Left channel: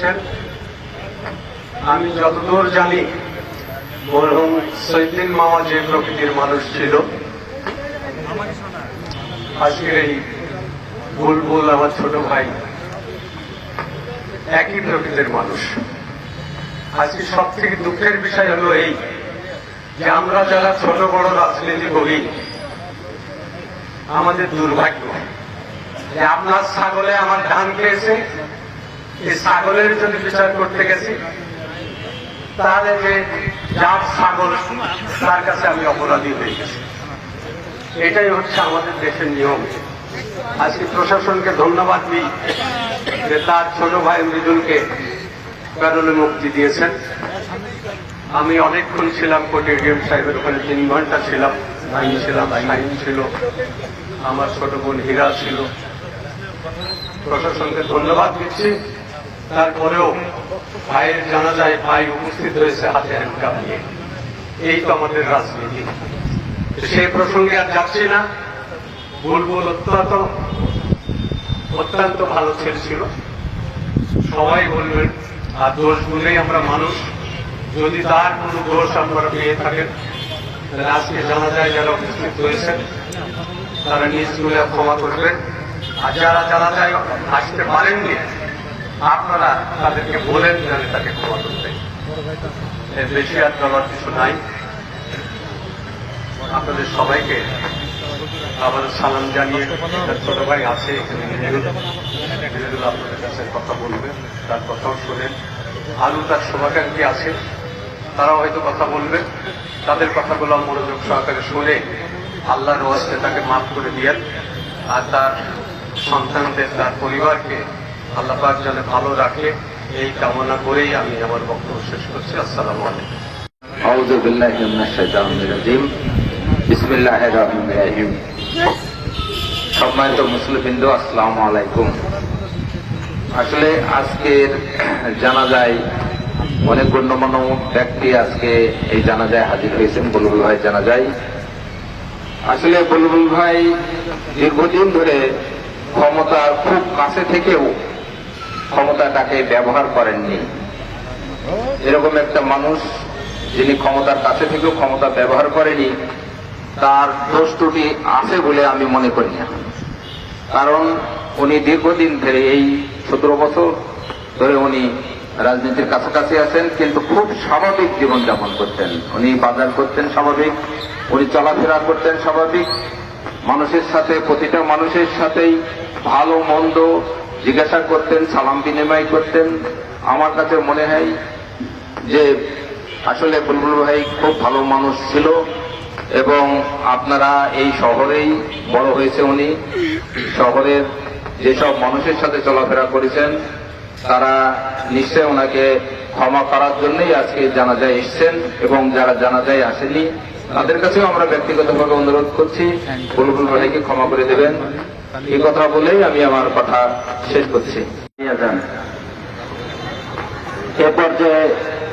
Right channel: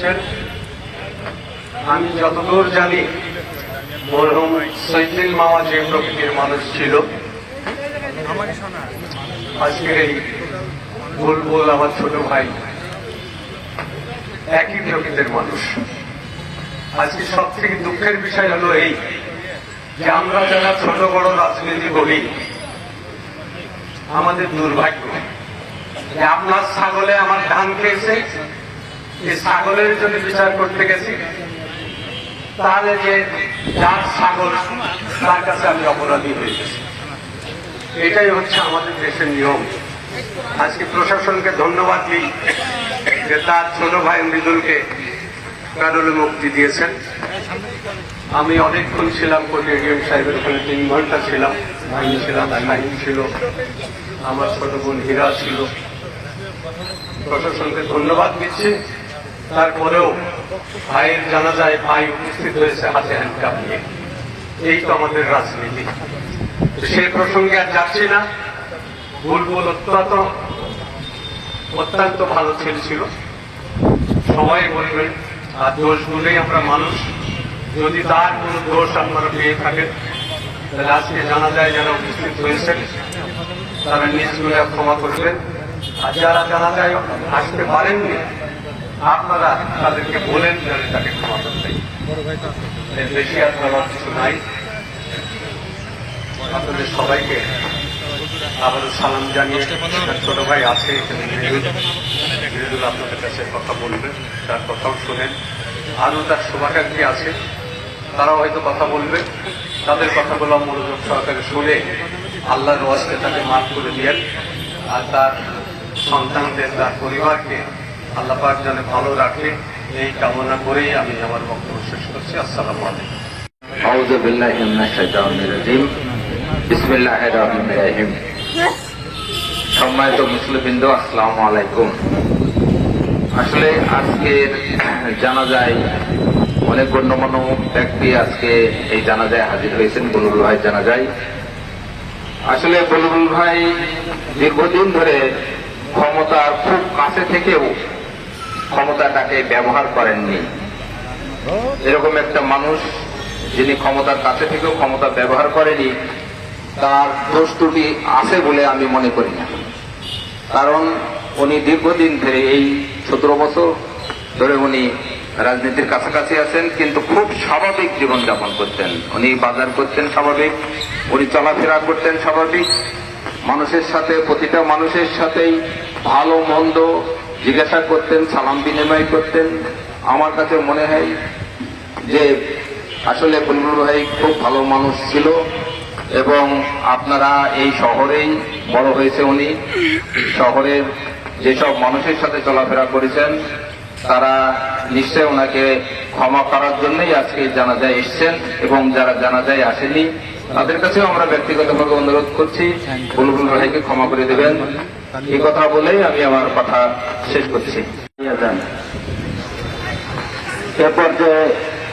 এসেছেন। আমি যতদূর জানি মরহুম সৈয়দুল মামা যে প্রকৃতির মানুষ ছিল, আজকের এই বুলবুল আমার ছোট ভাই একই প্রকৃতির মানুষ। আজকে সব থেকে দুঃখের বিষয় হলো এই যে আমরা যারা ছোট বড় রাজনীতি করি, আমাদের দুর্ভাগ্য যে আপনার ছাগলে আমার ধান খেয়েছে, এই ছাগলের জন্য বিচার করতে গেছি, তাহলে যে যার ছাগল তার কাছে আমি অপরাধী হয়ে গেছি। এটাই হচ্ছে আমাদের দেশের নিয়ম। আজকে প্রশাসনকে ধন্যবাদ দিই যে তার ছোট ভাই মৃদুলকে প্যারোলে মুক্তি দিয়েছেন। আমি অনেকক্ষণ ছিলাম কোর্টেরিয়াম সাহেবের ওখানে, 3 ঘন্টা ছিলাম। আমি ছিলাম, শাহিন ছিল, আমার ছোট বোন হীরা ছিল। প্রশাসনকে ধন্যবাদ দিচ্ছি। তারপরেও ভাইয়ের জানাজায় ভাই উপস্থিত হয়েছে হাতে হ্যান্ডকাপ নিয়ে। এই তো আমাদের রাজনীতি। সেই প্রসঙ্গে আর যাচ্ছি না। বুলবুল অত্যন্ত ভালো ছেলে ছিল, সবাই বলবেন। আর দোষ বলেই আমরা মানুষ। যদি তার কোন দোষ আপনারা পেয়ে থাকেন, তাহলে আজকে জানা যায় যারা উপস্থিত হয়েছেন তারা নিজগুলো ক্ষমা করবেন। আর যারা জানা যায় আসতে পারেননি, আপনারা তাদেরকে বলেন জানি তাকে ক্ষমা করবেন। এর বেশি আর বলার কিছু নাই। আপনাদের সবাইকে আমাদের সালাম জানিয়ে, ছোট ভাই আছে আপনাদের কাছে কথা বলবেন, তার কথাও শোনেন। আরো তার শুভাকাঙ্ক্ষী আছেন, তারাও হয়তো কথা বলবেন। তাদের কথাগুলো মনোযোগ সহকারে শুনে আল্লাহর ওয়াস্তে তাকে মাফ করে দিয়েন। আর তার সন্তানদের, তার পরিবারকে আল্লাহ পাক যেন ভালো রাখে, এই কামনা করেই আমি আমার বক্তব্য শেষ করছি। আসসালামু আলাইকুম। আউযু বিল্লাহি মিনাশ শাইতানির রাজিম। বিসমিল্লাহির রহমানির রহিম। সম্মানিত মুসলিমবৃন্দ, আসসালামু আলাইকুম। আসলে আজকে জানাজায় অনেক গণ্যমান্য ব্যক্তি আজকে এই জানাজায় হাজির হয়েছেন। বুলবুল ভাই জানাজায় আসলে বুলবুল ভাই দীর্ঘদিন ধরে ক্ষমতার খুব কাছে থেকেও ক্ষমতাটাকে ব্যবহার করেননি। এরকম একটা মানুষ যিনি ক্ষমতার কাছে থেকেও ক্ষমতা ব্যবহার করেনি, তার দোষ ত্রুটি আছে বলে আমি মনে করি না। কারণ উনি দীর্ঘদিন ধরে, এই 17 বছর ধরে উনি রাজনীতির কাছাকাছি আছেন, কিন্তু খুব স্বাভাবিক জীবনযাপন করতেন। উনি বাজার করতেন স্বাভাবিক, উনি চলাফেরা করতেন স্বাভাবিক, মানুষের সাথে, প্রতিটা মানুষের সাথেই ভালো মন্দ জিজ্ঞাসা করতেন, সালাম বিনিময় করতেন। আমার কাছে মনে হয় যে আসলে বুলবুল ভাই খুব ভালো মানুষ ছিল। এবং আপনারা এই শহরেই বড় হয়েছে উনি, শহরের যেসব মানুষের সাথে চলাফেরা করেছেন তারা নিশ্চয় ওনাকে ক্ষমা করার জন্যই আজকে জানাজায় এসছেন। এবং যারা জানাজায় আসেনি তাদের কাছেও আমরা ব্যক্তিগতভাবে অনুরোধ করছি বুলবুল ভাইকে ক্ষমা করে দেবেন। এই কথা বলেই আমি আমার কথা শেষ করছি। এ পর্যায়ে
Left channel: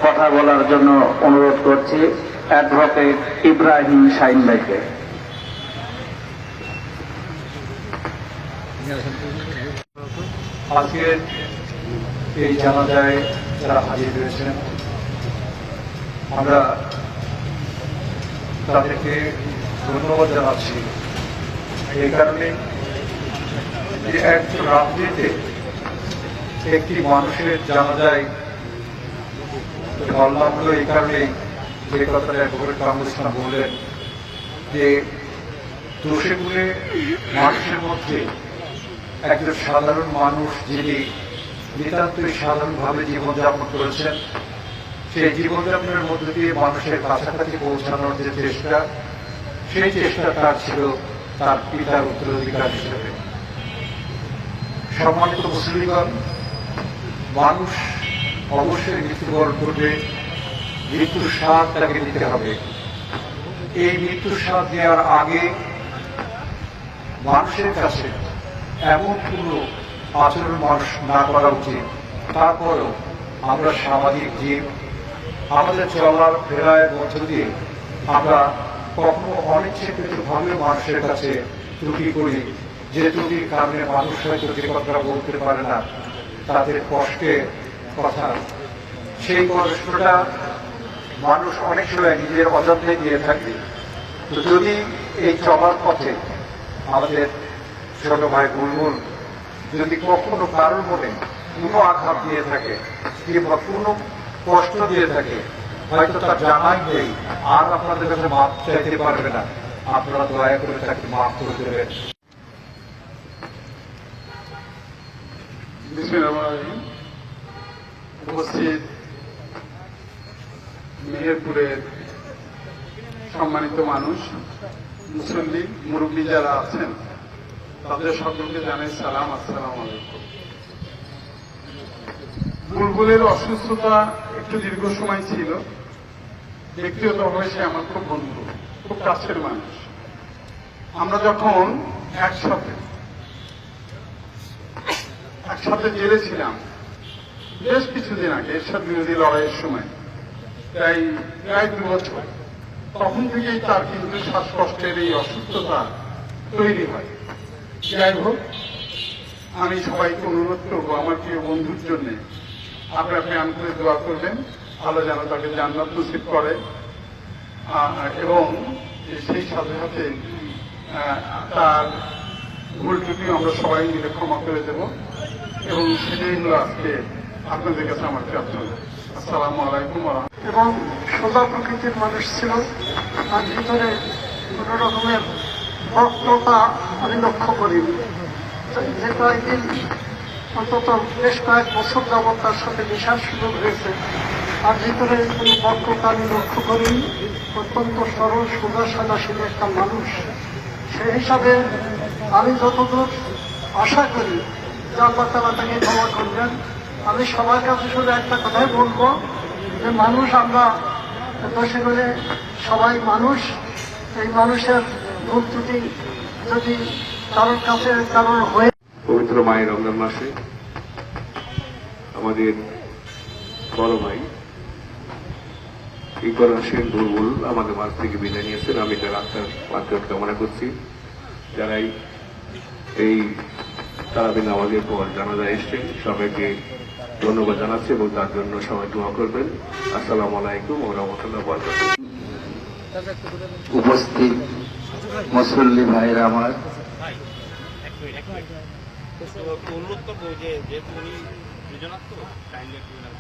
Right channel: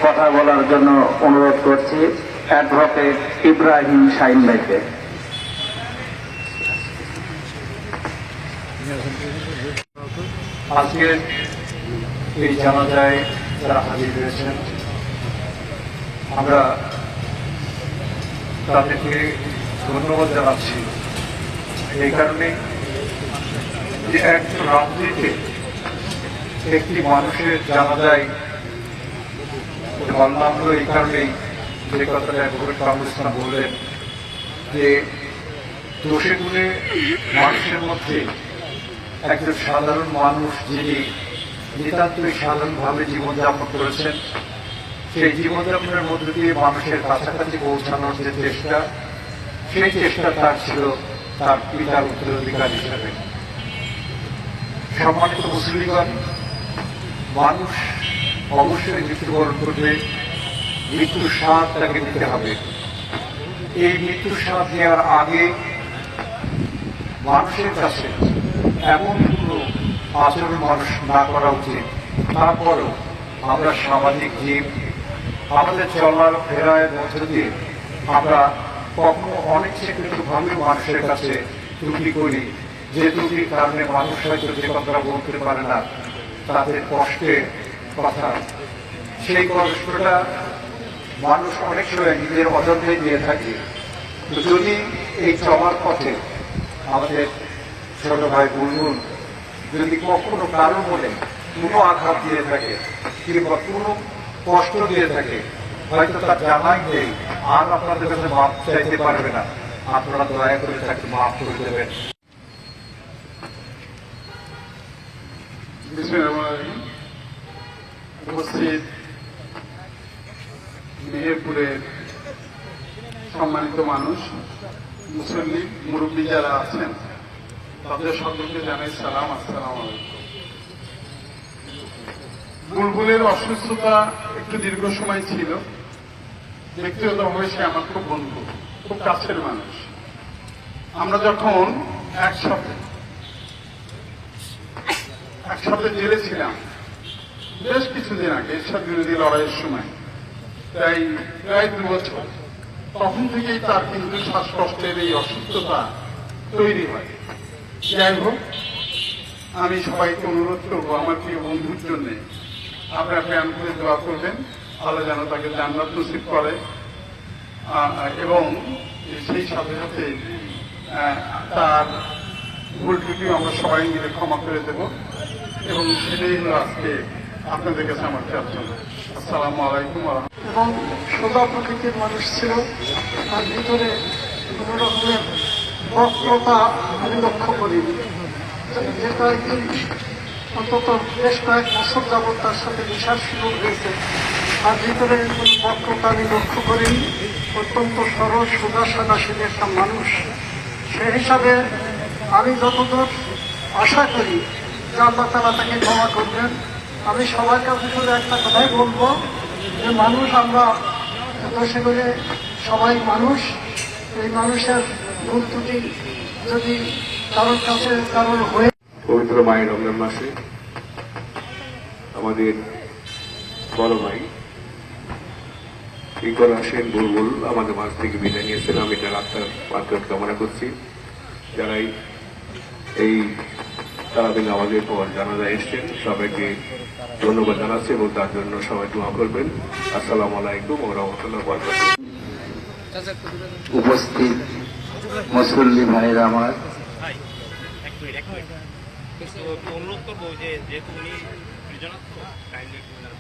কথা বলার জন্য অনুরোধ করছি অ্যাডভোকেট ইব্রাহিম শাহিন ভাইকে। আজকে এই জানাজায় যারা হাজির হয়েছেন, আমরা তাদেরকে ধন্যবাদ জানাচ্ছি। এই কারণে যে এক রাত্রিতে একটি মানুষের জানাজায় বললাম, এই কারণে যে কথাটা অ্যাডভোকেট কামরুল ইসলাম বললেন যে দোষে গুণে মানুষের মধ্যে একজন সাধারণ মানুষ যিনি নিতান্তই সাধারণভাবে জীবনযাপন করেছেন, সেই জীবনযাপনের মধ্য দিয়ে মানুষের কাছাকাছি পৌঁছানোর যে চেষ্টা, সেই চেষ্টা তার ছিল তার পিতার উত্তরাধিকার হিসেবে। সম্মানিত মুসলিমগণ, মানুষ অবশ্যই মৃত্যুবরণ করবে, মৃত্যুর স্বাদ তাকে নিতে হবে। এই মৃত্যুর স্বাদ দেওয়ার আগে মানুষের কাছে এমন কোন আচরণ মানুষ না করা উচিত। তারপরও আমরা সামাজিক জীব, আমাদের চলার ফেরার মধ্য দিয়ে আমরা কখনো অনিচ্ছাকৃতভাবে মানুষের কাছে ত্রুটি করি, যে ত্রুটির কারণে মানুষ হয়তো যে কথা বলতে পারে না, তাদের কষ্টে কথা, সেই কষ্টটা মানুষ অনেক সময় নিজের অযত্নে দিয়ে থাকে। তো যদি এই চলার পথে আমাদের ছোট ভাই বুলবুল যদি কখনো কারণ বলে কোনো আঘাত দিয়ে থাকে কিংবা কোনো কষ্ট দিয়ে থাকে, হয়তো তার জানাই নেই, আর আপনাদের কাছে মাপ চাইতে পারবে না, আপনারা দয়া করে তাকে মাফ করে দেবেন। উপস্থিত মেহেরপুরের সম্মানিত মানুষ, মুসল্লি, মুরব্বী যারা আছেন, তাদের সকলকে জানাই সালাম, আসসালামু আলাইকুম। বুলবুলের অসুস্থতা একটু দীর্ঘ সময় ছিল। ব্যক্তিগতভাবে সে আমার খুব বন্ধু, খুব কাছের মানুষ। আমরা যখন একসাথে জেলে ছিলাম বেশ কিছুদিন আগে, এরশাদ বিরোধী লড়াইয়ের সময়, প্রায় 2 বছর, তখন থেকেই তার কিন্তু শ্বাসকষ্টের এই অসুস্থতা তৈরি হয়। যাই হোক, আমি সবাইকে অনুরোধ করবো আমার প্রিয় বন্ধুর জন্য আপনারা প্ল্যান করে দোয়া করবেন, আল্লাহ যেন তাকে জান্নাত নসিব করে, এবং সেই সাথে সাথে তার ভুলটুকু আমরা সবাই মিলে ক্ষমা করে দেব, এবং সেটাই হলো আজকে আপনাদের কাছে আমার প্রার্থনা। আসসালামু আলাইকুম। এবং সোজা প্রকৃতির মানুষ ছিল, তার ভিতরে কোন রকমের বক্রতা আমি লক্ষ্য করিনি। যে কয়েকদিন, অন্তত বেশ কয়েক বছর যাবৎ তার সাথে মেশার সুযোগ হয়েছে, তার ভিতরে কোনো বক্রতা আমি লক্ষ্য করিনি। অত্যন্ত সরল সোজা সাদাশীল একটা মানুষ। সেই হিসাবে আমি যতদূর আশা করি যে আল্লাহ তাআলা তাকে ক্ষমা করবেন। আমি সবার কাছে শুধু একটা কথাই বলবো যে মানুষ আমরা দেশে করে সবাই মানুষ, এই মানুষের ভুল ত্রুটি যদি কারোর কাছে কারোর হয়ে পবিত্র মায়ের রমজান মাসে আমাদের বড় ভাই ইকর হোসেন বুলবুল আমাদের মাঝ থেকে বিদায় নিয়েছেন। আমি তার আত্মার মাধ্যমে কামনা করছি। যারাই এই তারাবির নামাজের পর জানাজা এসছেন সবাইকে ধন্যবাদ জানাচ্ছি এবং তার জন্য সবাই দোয়া করবেন। আসসালামু আলাইকুম ওয়া রাহমাতুল্লাহি ওয়া বারাকাতুহু। উপস্থিত মুসল্লি ভাইরা আমার, অনুরোধ করবো যে যেহেতু উনি দুজনার তো কাইন্ডলি ওনার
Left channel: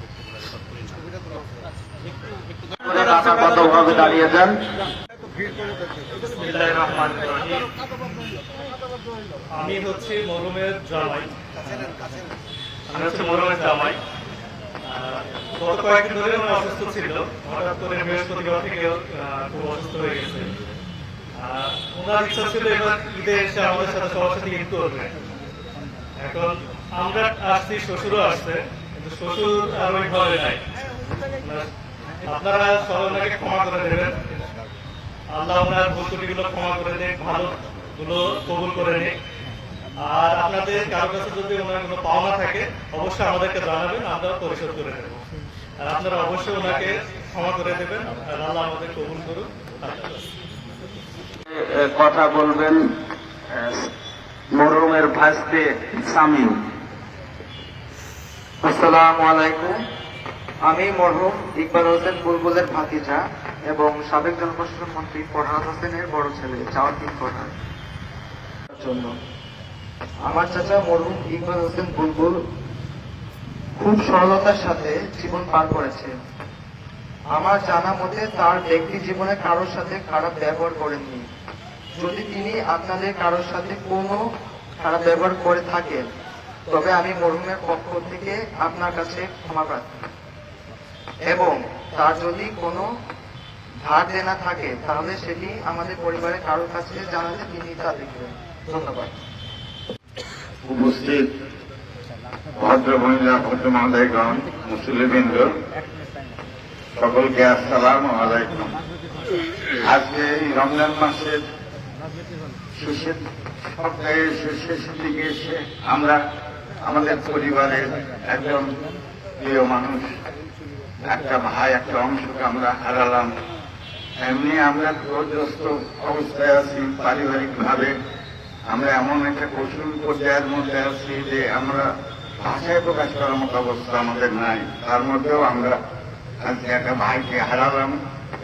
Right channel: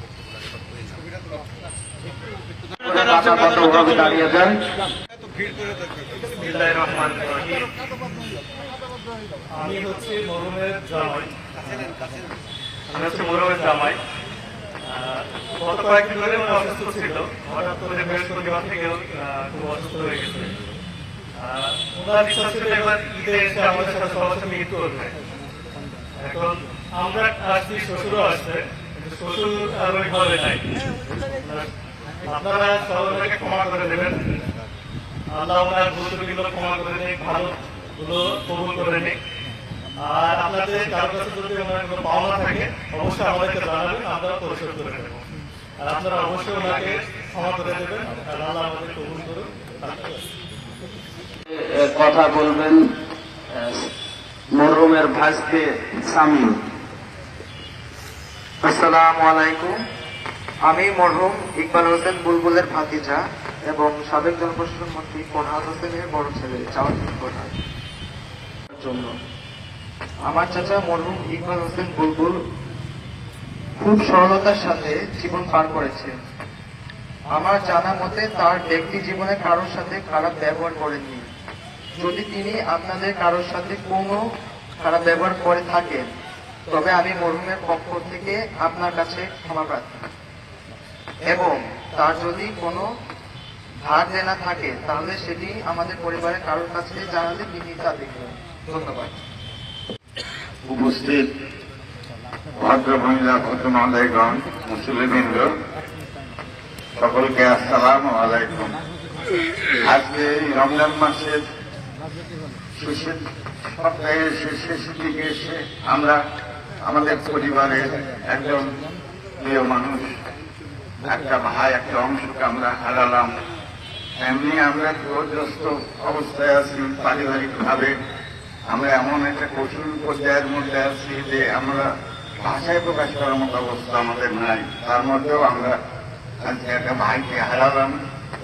ভাবে দাঁড়িয়ে যান। আমি হচ্ছে মরহুমের জামাই। গত কয়েকদিন ধরে উনি অসুস্থ ছিল, হঠাৎ করে বৃহস্পতিবার থেকে খুব অসুস্থ হয়ে গেছে। ওনার ইচ্ছা ছিল এবার ঈদে এসে আমাদের সাথে সবার সাথে ঈদ করবে। এখন আমরা আসছি, শ্বশুরও আসছে, কিন্তু শ্বশুর আর ওইভাবে নাই। আপনারা সবাই ওনাকে ক্ষমা করে দেবেন, আল্লাহ ওনার ভুল ত্রুটিগুলো ক্ষমা করে দিন, ভালো গুলো কবুল করে নিন। আর আপনাদের কারো কাছে যদি ওনার কোনো পাওনা থাকে অবশ্যই আমাদেরকে জানাবেন, আমরা পরিশোধ করে দেব। আর আপনারা অবশ্যই ওনাকে ক্ষমা করে দেবেন, আর আল্লাহ আমাদের কবুল করুন। কথা বলবেন মরহুমের ভাইস্তে সামিল। আসসালামু আলাইকুম। আমি মরহুম ইকবাল হোসেন বুলবুলের ভাতিজা এবং সাবেক জনপ্রশাসন মন্ত্রী পরহান হোসেনের বড় ছেলে জাওয়াহির পরহান। জন্য আমার চাচা মরহুম ইকবাল হোসেন বুলবুল খুব সরলতার সাথে জীবন পার করেছেন। আমার জানা মতে তার ব্যক্তি জীবনে কারোর সাথে খারাপ ব্যবহার করেননি। যদি তিনি আপনাদের কারোর সাথে কোনো খারাপ ব্যবহার করে থাকেন তবে আমি মরহুমের পক্ষ থেকে আপনার কাছে ক্ষমা প্রার্থী, এবং তার যদি কোনো ধার দেনা থাকে তাহলে সেটি আমাদের পরিবারের কারোর কাছে জানালে তিনি তা দেখবেন। ধন্যবাদ। উপস্থিত ভদ্র মহিলা, ভদ্র মহোদয়গণ, মুসলিমবৃন্দ, সকলকে আসসালামু আলাইকুম। আজকে এই রমজান মাসের সপ্তাহের শেষের দিকে এসে আমরা আমাদের পরিবারের একজন প্রিয় মানুষ, একটা ভাই, একটা অংশকে আমরা হারালাম। এমনি আমরা বিপর্যস্ত অবস্থায় আছি পারিবারিক ভাবে। আমরা এমন একটা কঠিন পর্যায়ের মধ্যে আছি যে আমরা ভাষায় প্রকাশ করার মতো অবস্থা আমাদের নাই। তার মধ্যেও আমরা আজকে একটা ভাইকে হারালাম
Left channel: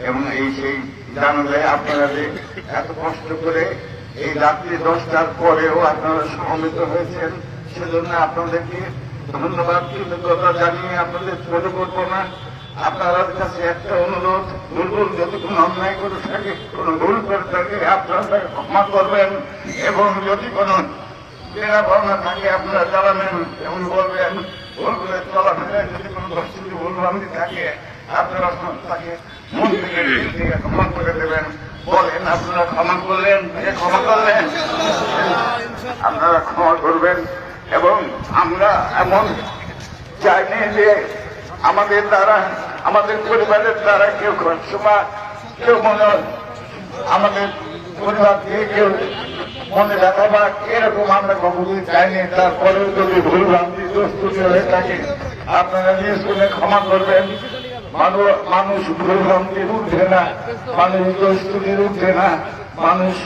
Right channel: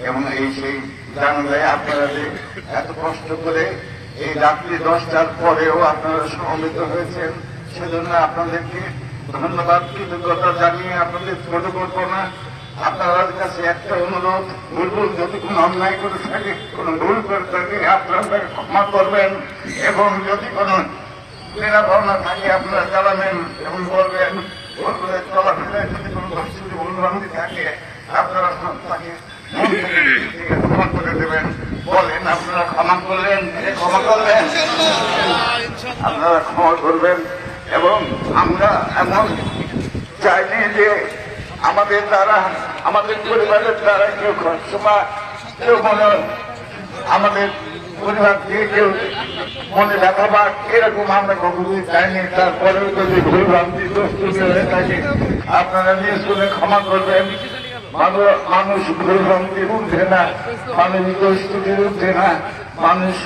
এবং এই সেই জানাজায় আপনারা যে এত কষ্ট করে এই রাত্রি 10টার পরেও আপনারা সমবেত হয়েছেন, সেজন্য আপনাদেরকে ধন্যবাদ কৃতজ্ঞতা জানিয়ে আপনাদের ছোট করবো না। আপনাদের কাছে একটা অনুরোধ, ভুল যদি কোনো অন্যায় করে থাকে, কোনো ভুল করে থাকে, আপনারা ক্ষমা করবেন এবং যদি কোনো বেড়া ভাবনা থাকে আপনারা জানাবেন এবং বলবেন। ভুল করে চলাফেরায় যদি কোনো দর্শকী ভুলভ্রান্তি থাকে আপনারা তাকে মন থেকে ক্ষমা করে দেবেন। বলেন আপনারা ক্ষমা করলেন, ক্ষমা করলেন, আপনারা ক্ষমা করবেন। এবং আমরা এমন চাইনি যে আমাদের দ্বারা, আমাদের পরিবারের দ্বারা কেউ সময় কেউ মনে আমাদের পরিবার থেকে কেউ মনে ব্যথা পাক, এরকম আমরা কখনোই চাইনি। তারপরেও যদি ভুলভ্রান্তি দোষত্রুটি হয়ে থাকে আপনারা নিয়ে শুনে ক্ষমা করবেন। মানুষ ভুলভ্রান্তি উঠছে না, মানুষ দোষত্রুটির উঠছে না, মানুষ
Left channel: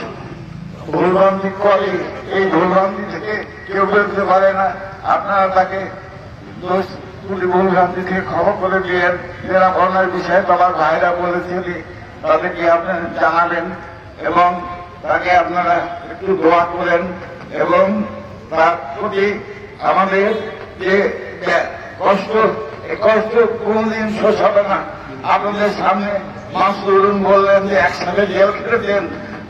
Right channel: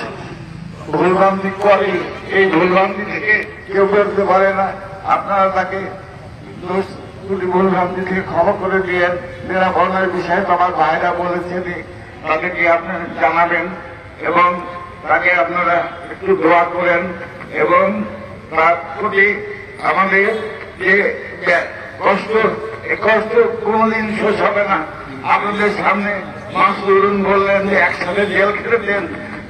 ভুলভ্রান্তি করে, এই ভুলভ্রান্তি থেকে কেউ বেরোতে পারে না। আপনারা তাকে ভুলভ্রান্তি থেকে ক্ষমা করে দিয়েন। যারা বর্ণার বিষয়ে তোমার ভাইরা বলেছেন তাদেরকে আপনারা জানাবেন এবং তাকে আপনারা একটু দোয়া করেন এবং তার প্রতি আমাদের যে কষ্ট, এই কষ্ট কোনদিন শেষ হবে না। আপনাদের সামনে মাসুরুন বললেন যে একসাথে জেল খেটেছেন,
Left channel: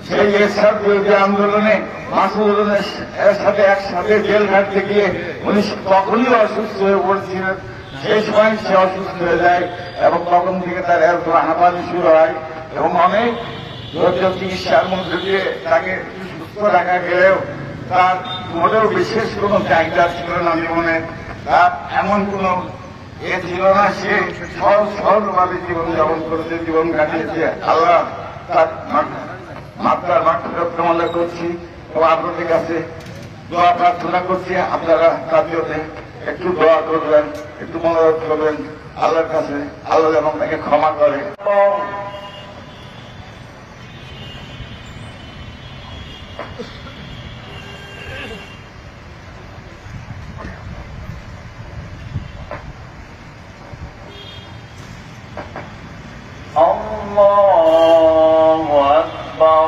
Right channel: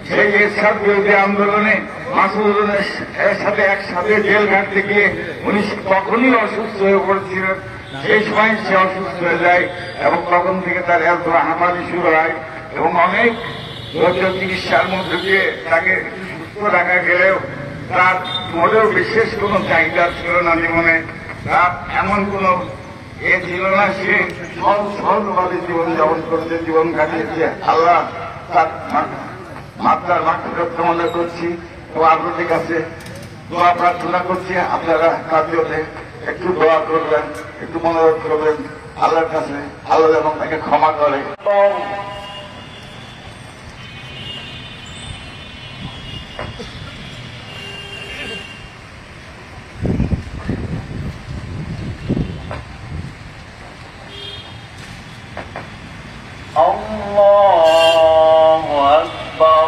সেই এরশাদ বিরোধী আন্দোলনে মাসুরুনের সাথে একসাথে জেল ঘাটতে গিয়ে উনি তখনই অসুস্থ হয়ে পড়েছিলেন। সেই সময় সে অসুস্থ হয়ে যায় এবং তখন থেকে তার এত হাঁপানি শুরু হয় এবং অনেক ধৈর্য চিকিৎসার মধ্যে দিয়ে তাকে সুস্থ রাখা গেলেও তার মোটেও বিশেষ কোনো চাহিদা ছিল না জীবনে। তার এমন কোনো এ ছিল না, সে সহজভাবে জীবনযাপন করেছে, জীবন কাটিয়েছে। আল্লাহ তার মাত্রার মাত্রা কামনা করছি এবং আপনাদের কাছে দোয়া প্রার্থনা করছি। আপনারা তার জন্য একটু দোয়া করবেন, একটু মনোরোধ করবেন আল্লাহর কাছে, আল্লাহ যেন তাকে ক্ষমা করে। الله أكبر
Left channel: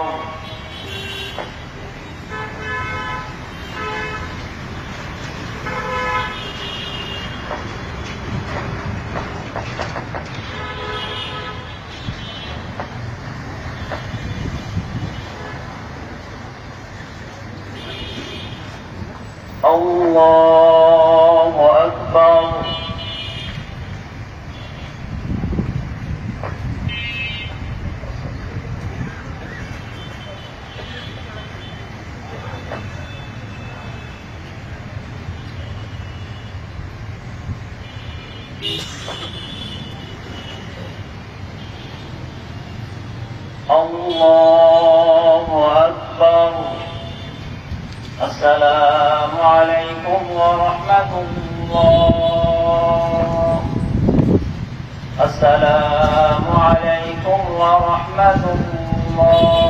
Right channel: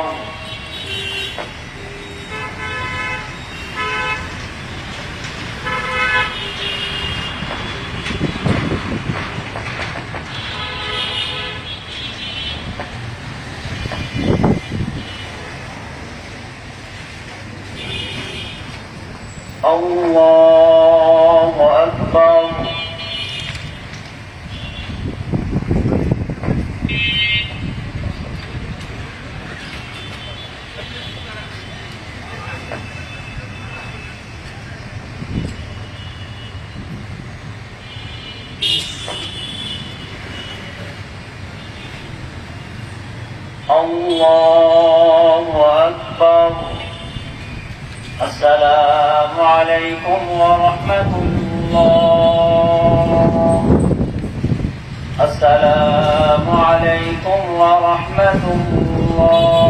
الله أكبر الله أكبر السلام عليكم ورحمة الله السلام عليكم ورحمة الله